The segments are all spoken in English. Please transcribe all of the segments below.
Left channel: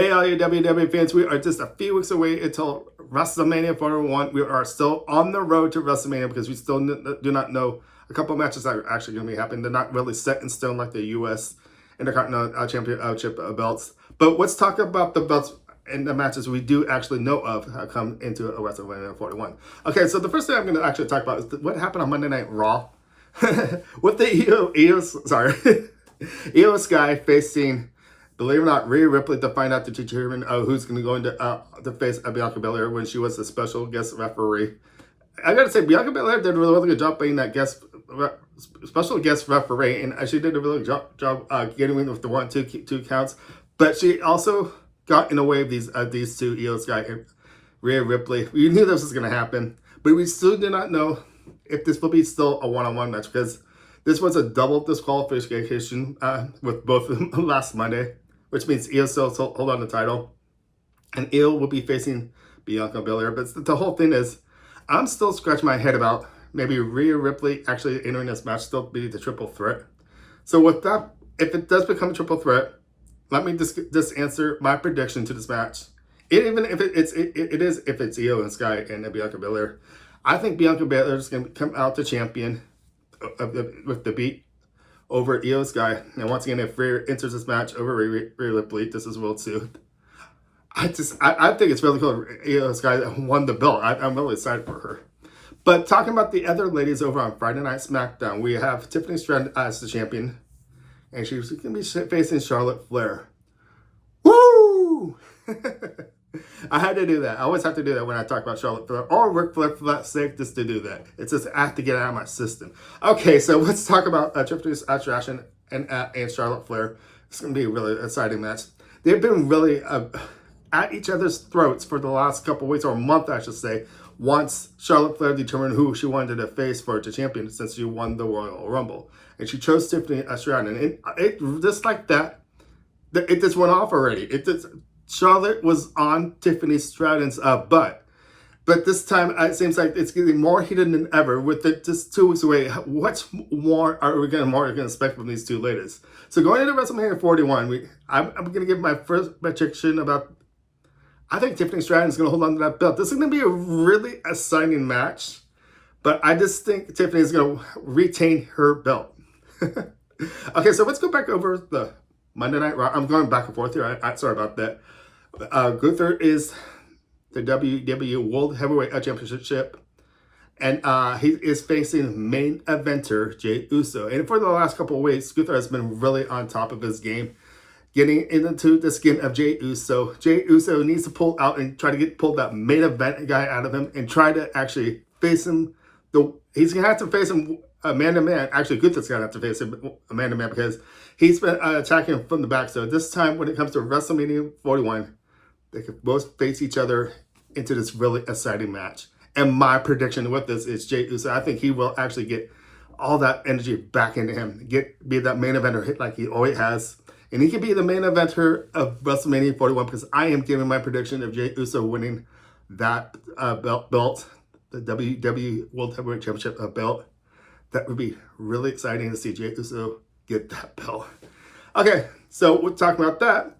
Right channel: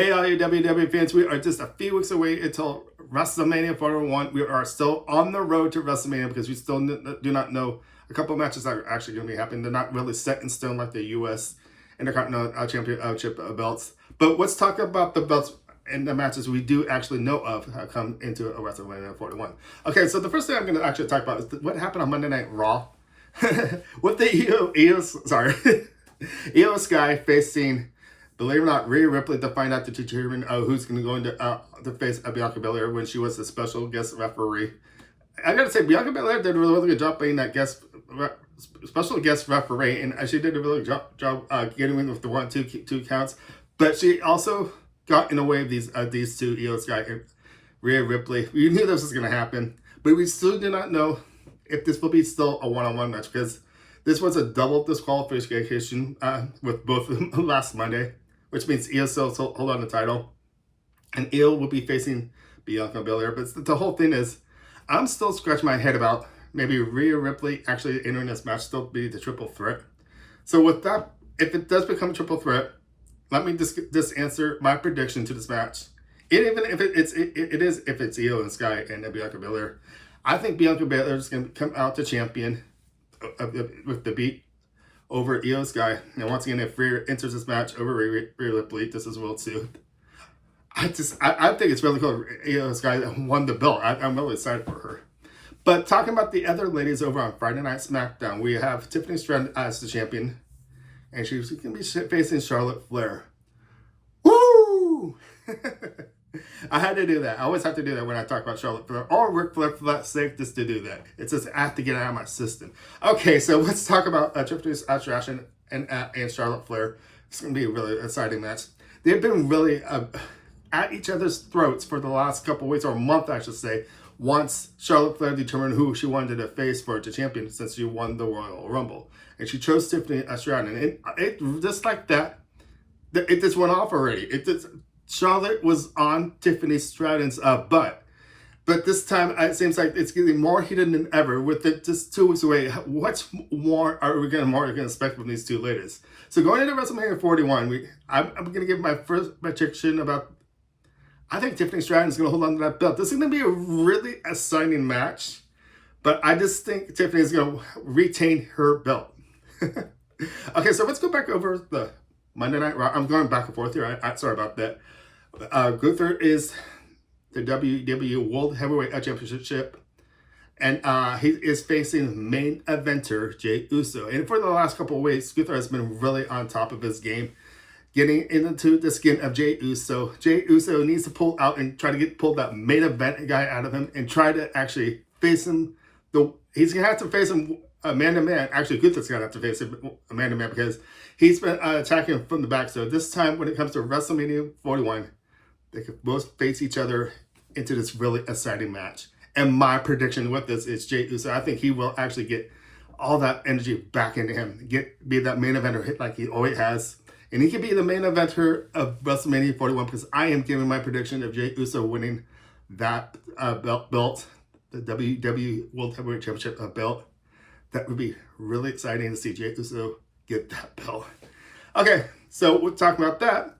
Hey, all you WWE fans, we are just a few weeks away until WrestleMania 41. We are still on the road to WrestleMania because we still do not know a couple matches that are actually going to be happening. They're not really set in stone like the U.S. Intercontinental Championship belts. But let's talk about the belts and the matches we do actually know of come into a WrestleMania 41. Okay, so the first thing I'm going to actually talk about is what happened on Monday Night Raw with the Io Sky facing, believe it or not, Rhea Ripley to find out to determine who's going to go into the face of Bianca Belair when she was a special guest referee. I gotta say, Bianca Belair did a really good job being that special guest referee, and she did a really good job getting in with the two counts. But she also got in the way of these two, Io Sky and Rhea Ripley. We knew this was going to happen, but we still do not know if this will be still a one-on-one match because this was a double disqualification with both of them last Monday, which means Io still hold on the title, and Io will be facing Bianca Belair. But the whole thing is, I'm still scratching my head about maybe Rhea Ripley actually entering this match still be the triple threat. So with that, if it does become a triple threat, let me just answer my prediction to this match. Even if if it's Io and Sky and Bianca Belair, I think Bianca Belair is going to come out the champion with the beat over Io Sky. And once again, if Rhea enters this match over Rhea Ripley, this is World 2. I think it's really cool. Io Sky won the belt. I'm really excited for her. But talking about the other ladies over on Friday Night SmackDown, we have Tiffany Stratton as the champion, and she's going to be facing Charlotte Flair. Woo! I had to do that. I always have to do that when I talk about Charlotte Flair or Ric Flair for that sake, just to do that. It's just I have to get it out of my system. Okay, so let's talk about Tiffany Stratton and Charlotte Flair. It's going to be a really exciting match. They've been really at each other's throats for the last couple of weeks, or a month, I should say, once Charlotte Flair determined who she wanted to face for the champion since she won the Royal Rumble. And she chose Tiffany Stratton. And it just like that, it just went off already. Charlotte was on Tiffany Stratton's butt. But this time, it seems like it's getting more heated than ever with it just 2 weeks away. What more are we going to expect from these two ladies? So going into WrestleMania 41, I'm going to give my first prediction about, I think Tiffany Stratton is going to hold on to that belt. This is going to be a really exciting match, but I just think Tiffany is going to retain her belt. Okay, so let's go back over the Monday Night Raw. I'm going back and forth here. Sorry about that. Gunther is the WWE World Heavyweight Championship, and he is facing main eventer Jey Uso. And for the last couple of weeks, Gunther has been really on top of his game, getting into the skin of Jey Uso. Jey Uso needs to pull out and try to pull that main event guy out of him and try to actually face him. He's going to have to face him man-to-man. Actually, Gunther's going to have to face him man-to-man because he's been attacking him from the back. So this time, when it comes to WrestleMania 41, they could both face each other into this really exciting match. And my prediction with this is Jey Uso. I think he will actually get all that energy back into him. Be that main eventer hit like he always has. And he could be the main eventer of WrestleMania 41 because I am giving my prediction of Jey Uso winning that belt, the WWE World Heavyweight Championship belt. That would be really exciting to see Jey Uso get that belt. Okay, so we're talking about that.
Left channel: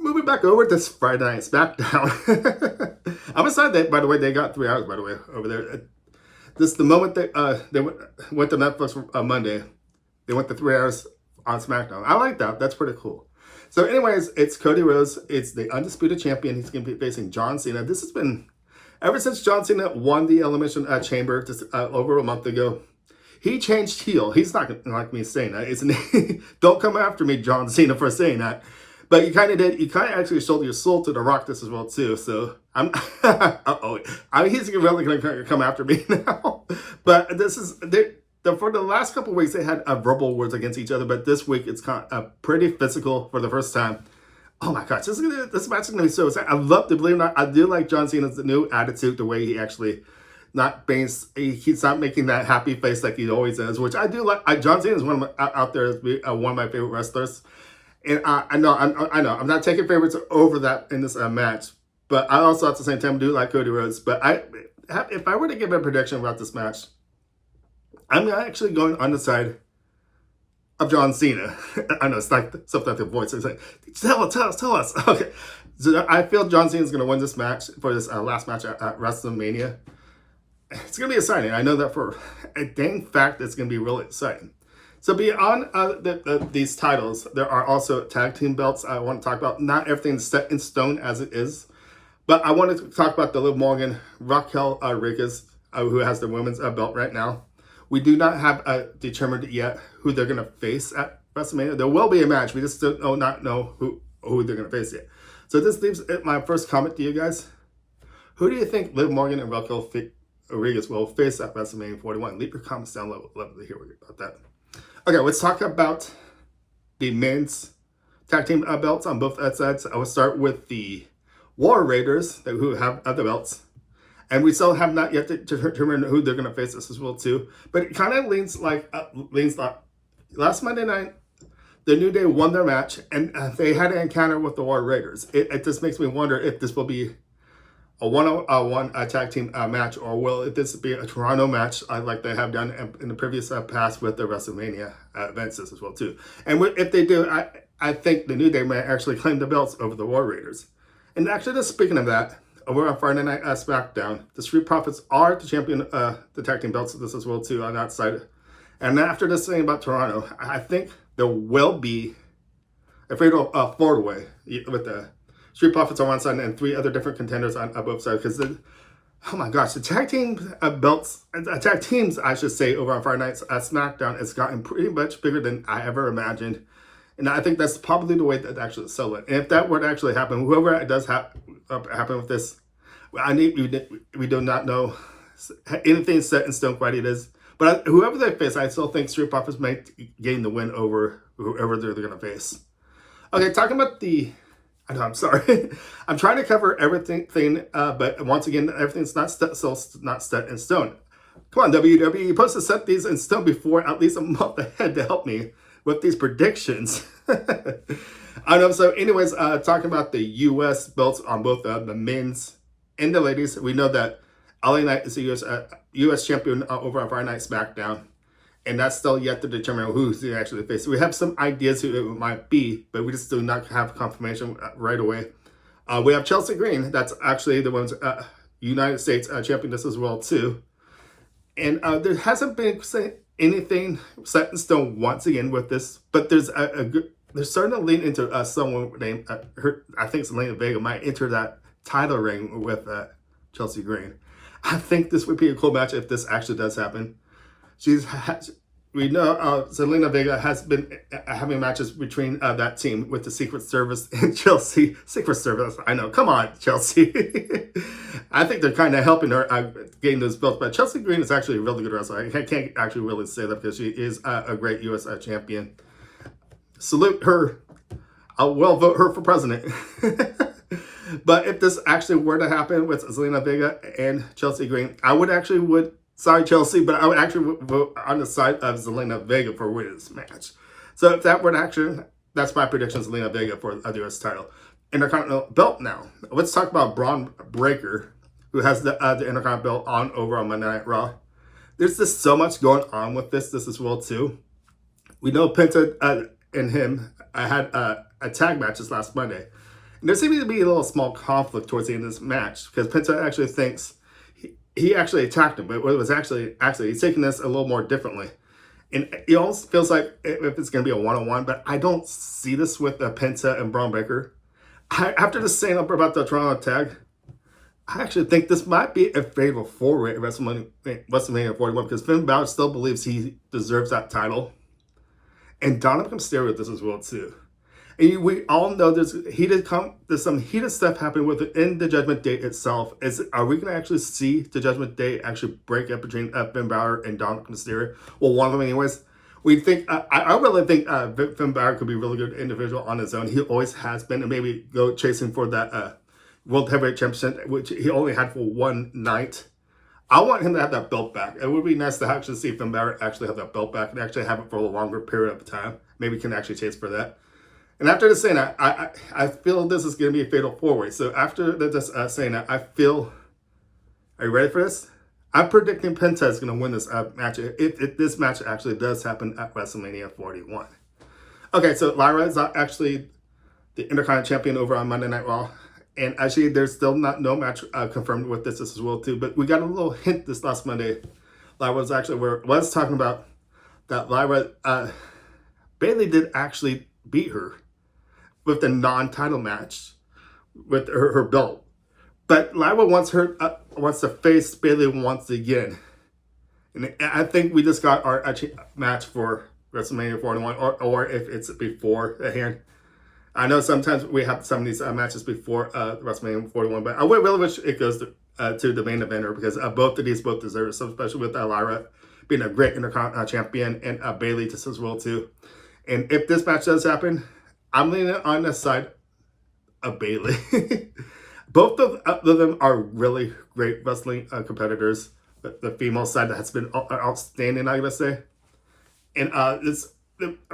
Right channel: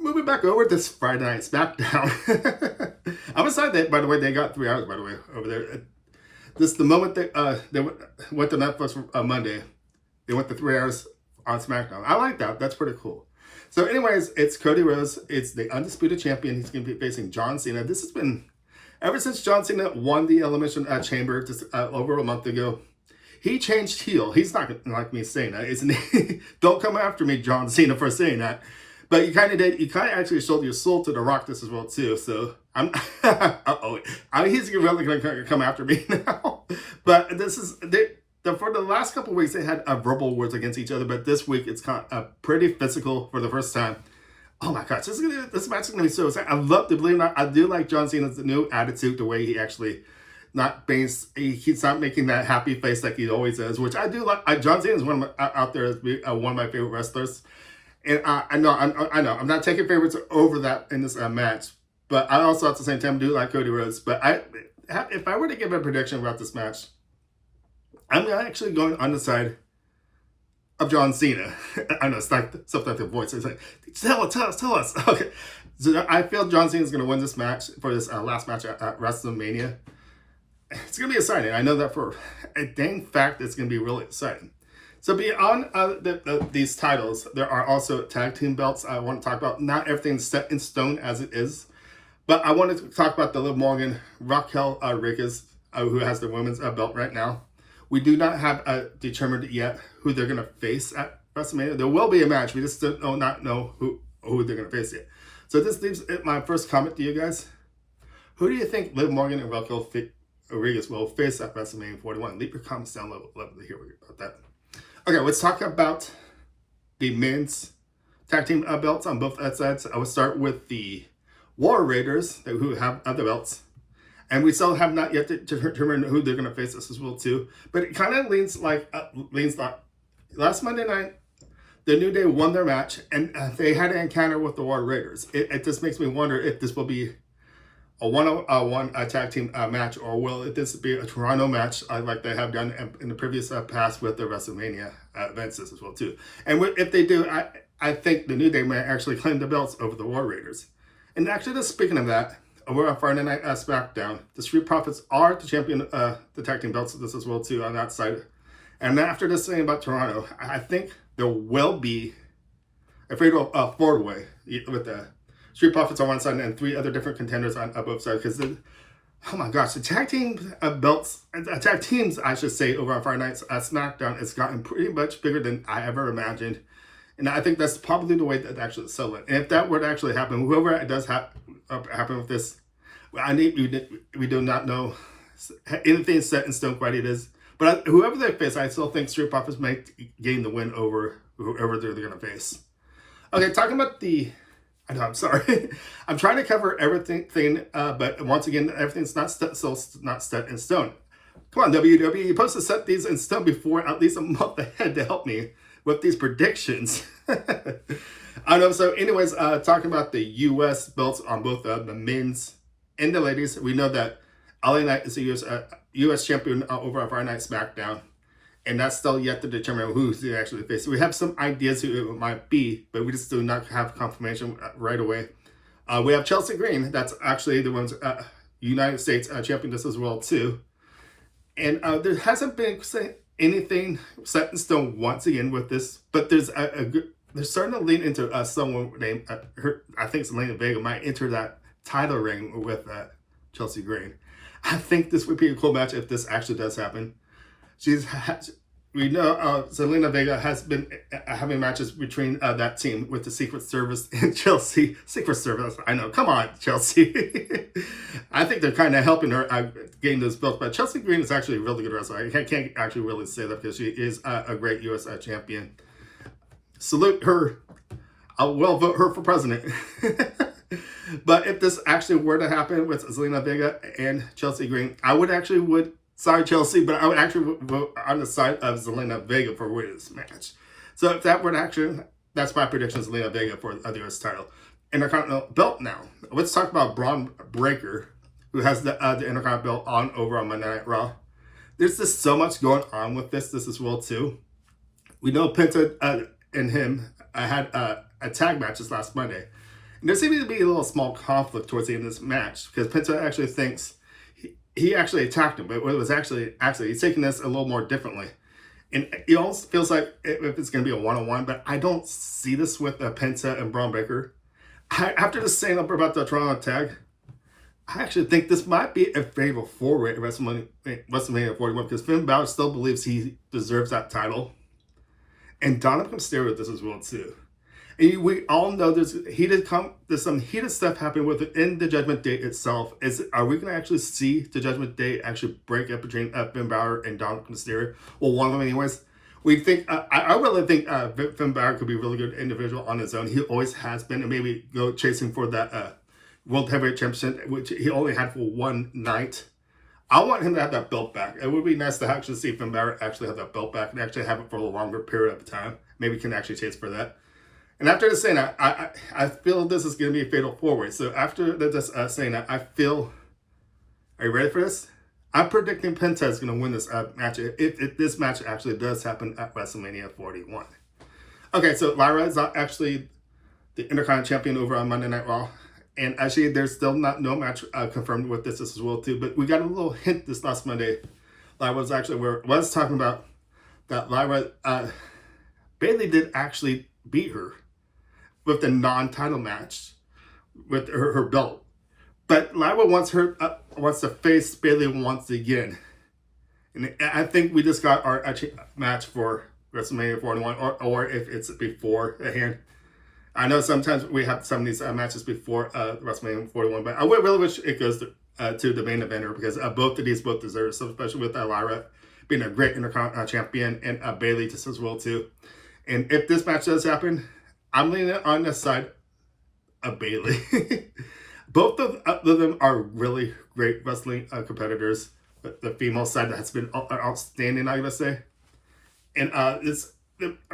Moving back over to Friday Night SmackDown. I'm excited that, by the way, they got 3 hours, by the way, over there. Just the moment they went to Netflix on Monday, they went to 3 hours on SmackDown. I like that. That's pretty cool. So anyways, it's Cody Rhodes. It's the undisputed champion. He's going to be facing John Cena. This has been, ever since John Cena won the Elimination Chamber just over a month ago, he changed heel. He's not going to like me saying that, isn't he? Don't come after me, John Cena, for saying that. But you kind of did. You kind of actually sold your soul to The Rock this as well, too. So I'm, he's really going to come after me now. But this is, for the last couple of weeks, they had verbal words against each other. But this week, it's kind of pretty physical for the first time. Oh my gosh, this match is going to be so exciting. I love to believe it or not. I do like John Cena's new attitude, the way he actually he's not making that happy face like he always does, which I do like. John Cena is one of my favorite wrestlers. And I know I'm not taking favorites over that in this match, but I also at the same time do like Cody Rhodes. But if I were to give a prediction about this match, I'm actually going on the side of John Cena. I know it's like something like the voice. It's like, tell us. Okay. So I feel John Cena is going to win this match for this last match at WrestleMania. It's going to be exciting. I know that for a dang fact it's going to be really exciting. So beyond these titles, there are also tag team belts I want to talk about. Not everything's set in stone as it is. But I wanted to talk about the Liv Morgan, Raquel Rodriguez, who has the women's belt right now. We do not have determined yet who they're going to face at WrestleMania. There will be a match. We just still do not know who they're going to face yet. So this leaves my first comment to you guys. Who do you think Liv Morgan and Raquel Rodriguez will face at WrestleMania 41? Leave your comments down below. Love to hear about that. Okay, let's talk about the men's tag team belts on both sides. I will start with the War Raiders, who have other belts. And we still have not yet determined who they're going to face this as well, too. But it kind of leans like last Monday night, the New Day won their match, and they had an encounter with the War Raiders. It just makes me wonder if this will be a one-on-one tag team match, or will this be a Toronto match like they have done in the previous past with the WrestleMania events as well, too. And if they do, I think the New Day may actually claim the belts over the War Raiders. And actually, just speaking of that, over on Friday Night SmackDown, the Street Profits are the champion, the tag team belts of this as well, too, on that side. And after this thing about Toronto, I think there will be a fatal four-way with the Street Profits on one side and three other different contenders on both sides. Because, oh my gosh, the tag team belts, tag teams, I should say, over on Friday Night SmackDown has gotten pretty much bigger than I ever imagined. And I think that's probably the way that actually sell it. And if that were to actually happen, whoever it does happen with this, we do not know anything set in stone quite it is. But whoever they face, I still think Street Profits may gain the win over whoever they're going to face. Okay, talking about I know, I'm sorry. I'm trying to cover everything, but once again, everything's not set in stone. Come on, WWE, you're supposed to set these in stone before at least a month ahead to help me with these predictions. I know. So anyways, talking about the U.S. belts on both the men's and the ladies, we know that LA Knight is the U.S. champion over on Friday Night SmackDown. And that's still yet to determine who's actually facing. We have some ideas who it might be, but we just do not have confirmation right away. We have Chelsea Green. That's actually the women's United States championess as well, too. And there hasn't been anything set in stone once again with this, but there's they're starting to lean into someone named, I think Zelina Vega might enter that title ring with Chelsea Green. I think this would be a cool match if this actually does happen. We know Zelina Vega has been having matches between that team with the Secret Service and Chelsea. Secret Service, I know. Come on, Chelsea. I think they're kind of helping her gain those belts. But Chelsea Green is actually a really good wrestler. I can't actually really say that because she is a great U.S. champion. Salute her. I will vote her for president. But if this actually were to happen with Zelina Vega and Chelsea Green, sorry, Chelsea, but I would actually vote on the side of Zelina Vega for winning this match. So if that were to happen, that's my prediction, Zelina Vega for the U.S. title. Intercontinental belt now. Let's talk about Braun Breaker, who has the Intercontinental belt on over on Monday Night Raw. There's just so much going on with this as well, too. We know Penta and him had a tag match this last Monday. And there seemed to be a little small conflict towards the end of this match because Penta actually thinks he actually attacked him, but it was actually he's taking this a little more differently. And it almost feels like if it's going to be a one-on-one, but I don't see this with Penta and Braun Breaker. After just saying up about the Toronto tag, I actually think this might be a fatal four-way at WrestleMania 41 because Finn Balor still believes he deserves that title. And Dominic Mysterio with this as well, too. And we all know there's some heated stuff happening within the Judgment Day itself. Are we going to actually see the Judgment Day actually break up between Finn Balor and Dominic Mysterio? Well, one of them anyways. We think, I really think Finn Balor could be a really good individual on his own. He always has been, and maybe go chasing for that World Heavyweight Championship, which he only had for one night. I want him to have that belt back. It would be nice to actually see Finn Balor actually have that belt back and actually have it for a longer period of time. Maybe we can actually chase for that. And after this saying that, I feel this is going to be a fatal four-way. So after this saying that, I feel, are you ready for this? I'm predicting Penta is going to win this match if this match actually does happen at WrestleMania 41. Okay, so Lyra is actually the Intercontinental champion over on Monday Night Raw. And actually, there's still no match confirmed with this as well too. But we got a little hint this last Monday. I was talking about that Lyra Bailey did actually beat her with the non-title match with her belt. But Lyra wants to face Bailey once again. And I think we just got our match for WrestleMania 41, or if it's beforehand. I know sometimes we have some of these matches before WrestleMania 41, but I would really wish it goes to the main eventer, because both of these deserve it, so especially with Lyra being a great Intercontinental champion and Bailey just as well too. And if this match does happen, I'm leaning on the side of Bailey. Both of them are really great wrestling competitors. The female side has been outstanding, I gotta say. And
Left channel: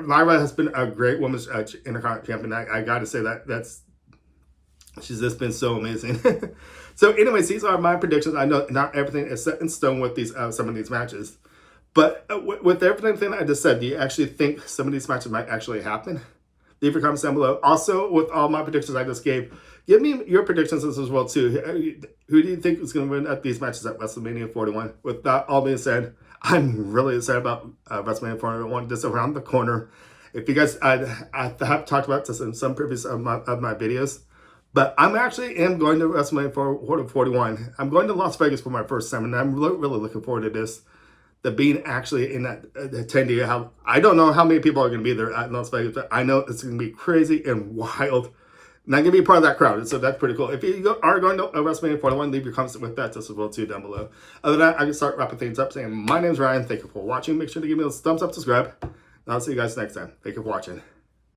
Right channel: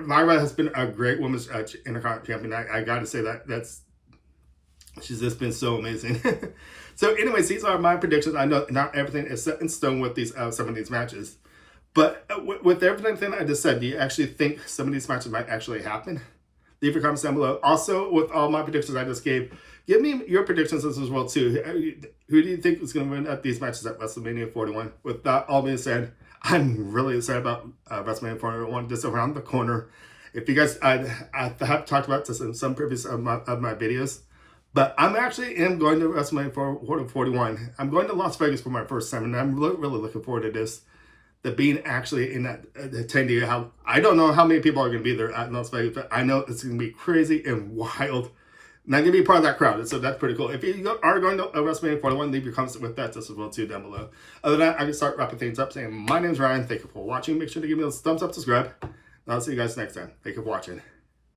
Lyra has been a great women's Intercontinental champion. I gotta say she's just been so amazing. So anyways, these are my predictions. I know not everything is set in stone with these some of these matches. But with everything I just said, do you actually think some of these matches might actually happen? Leave your comments down below. Also, with all my predictions I just gave, give me your predictions as well too. Who do you think is going to win at these matches at WrestleMania 41? With that all being said, I'm really excited about WrestleMania 41 just around the corner. If you guys, I have talked about this in some previous of my videos, but I'm actually going to WrestleMania 41. I'm going to Las Vegas for my first time, and I'm really looking forward to this. The being actually in that attendee, I don't know how many people are going to be there at Las Vegas, but I know it's going to be crazy and wild. And I'm going to be part of that crowd, so that's pretty cool. If you are going to WrestleMania 41, leave your comments with that just as well too down below. Other than that, I can start wrapping things up saying my name's Ryan. Thank you for watching. Make sure to give me those thumbs up, subscribe, and I'll see you guys next time. Thank you for watching.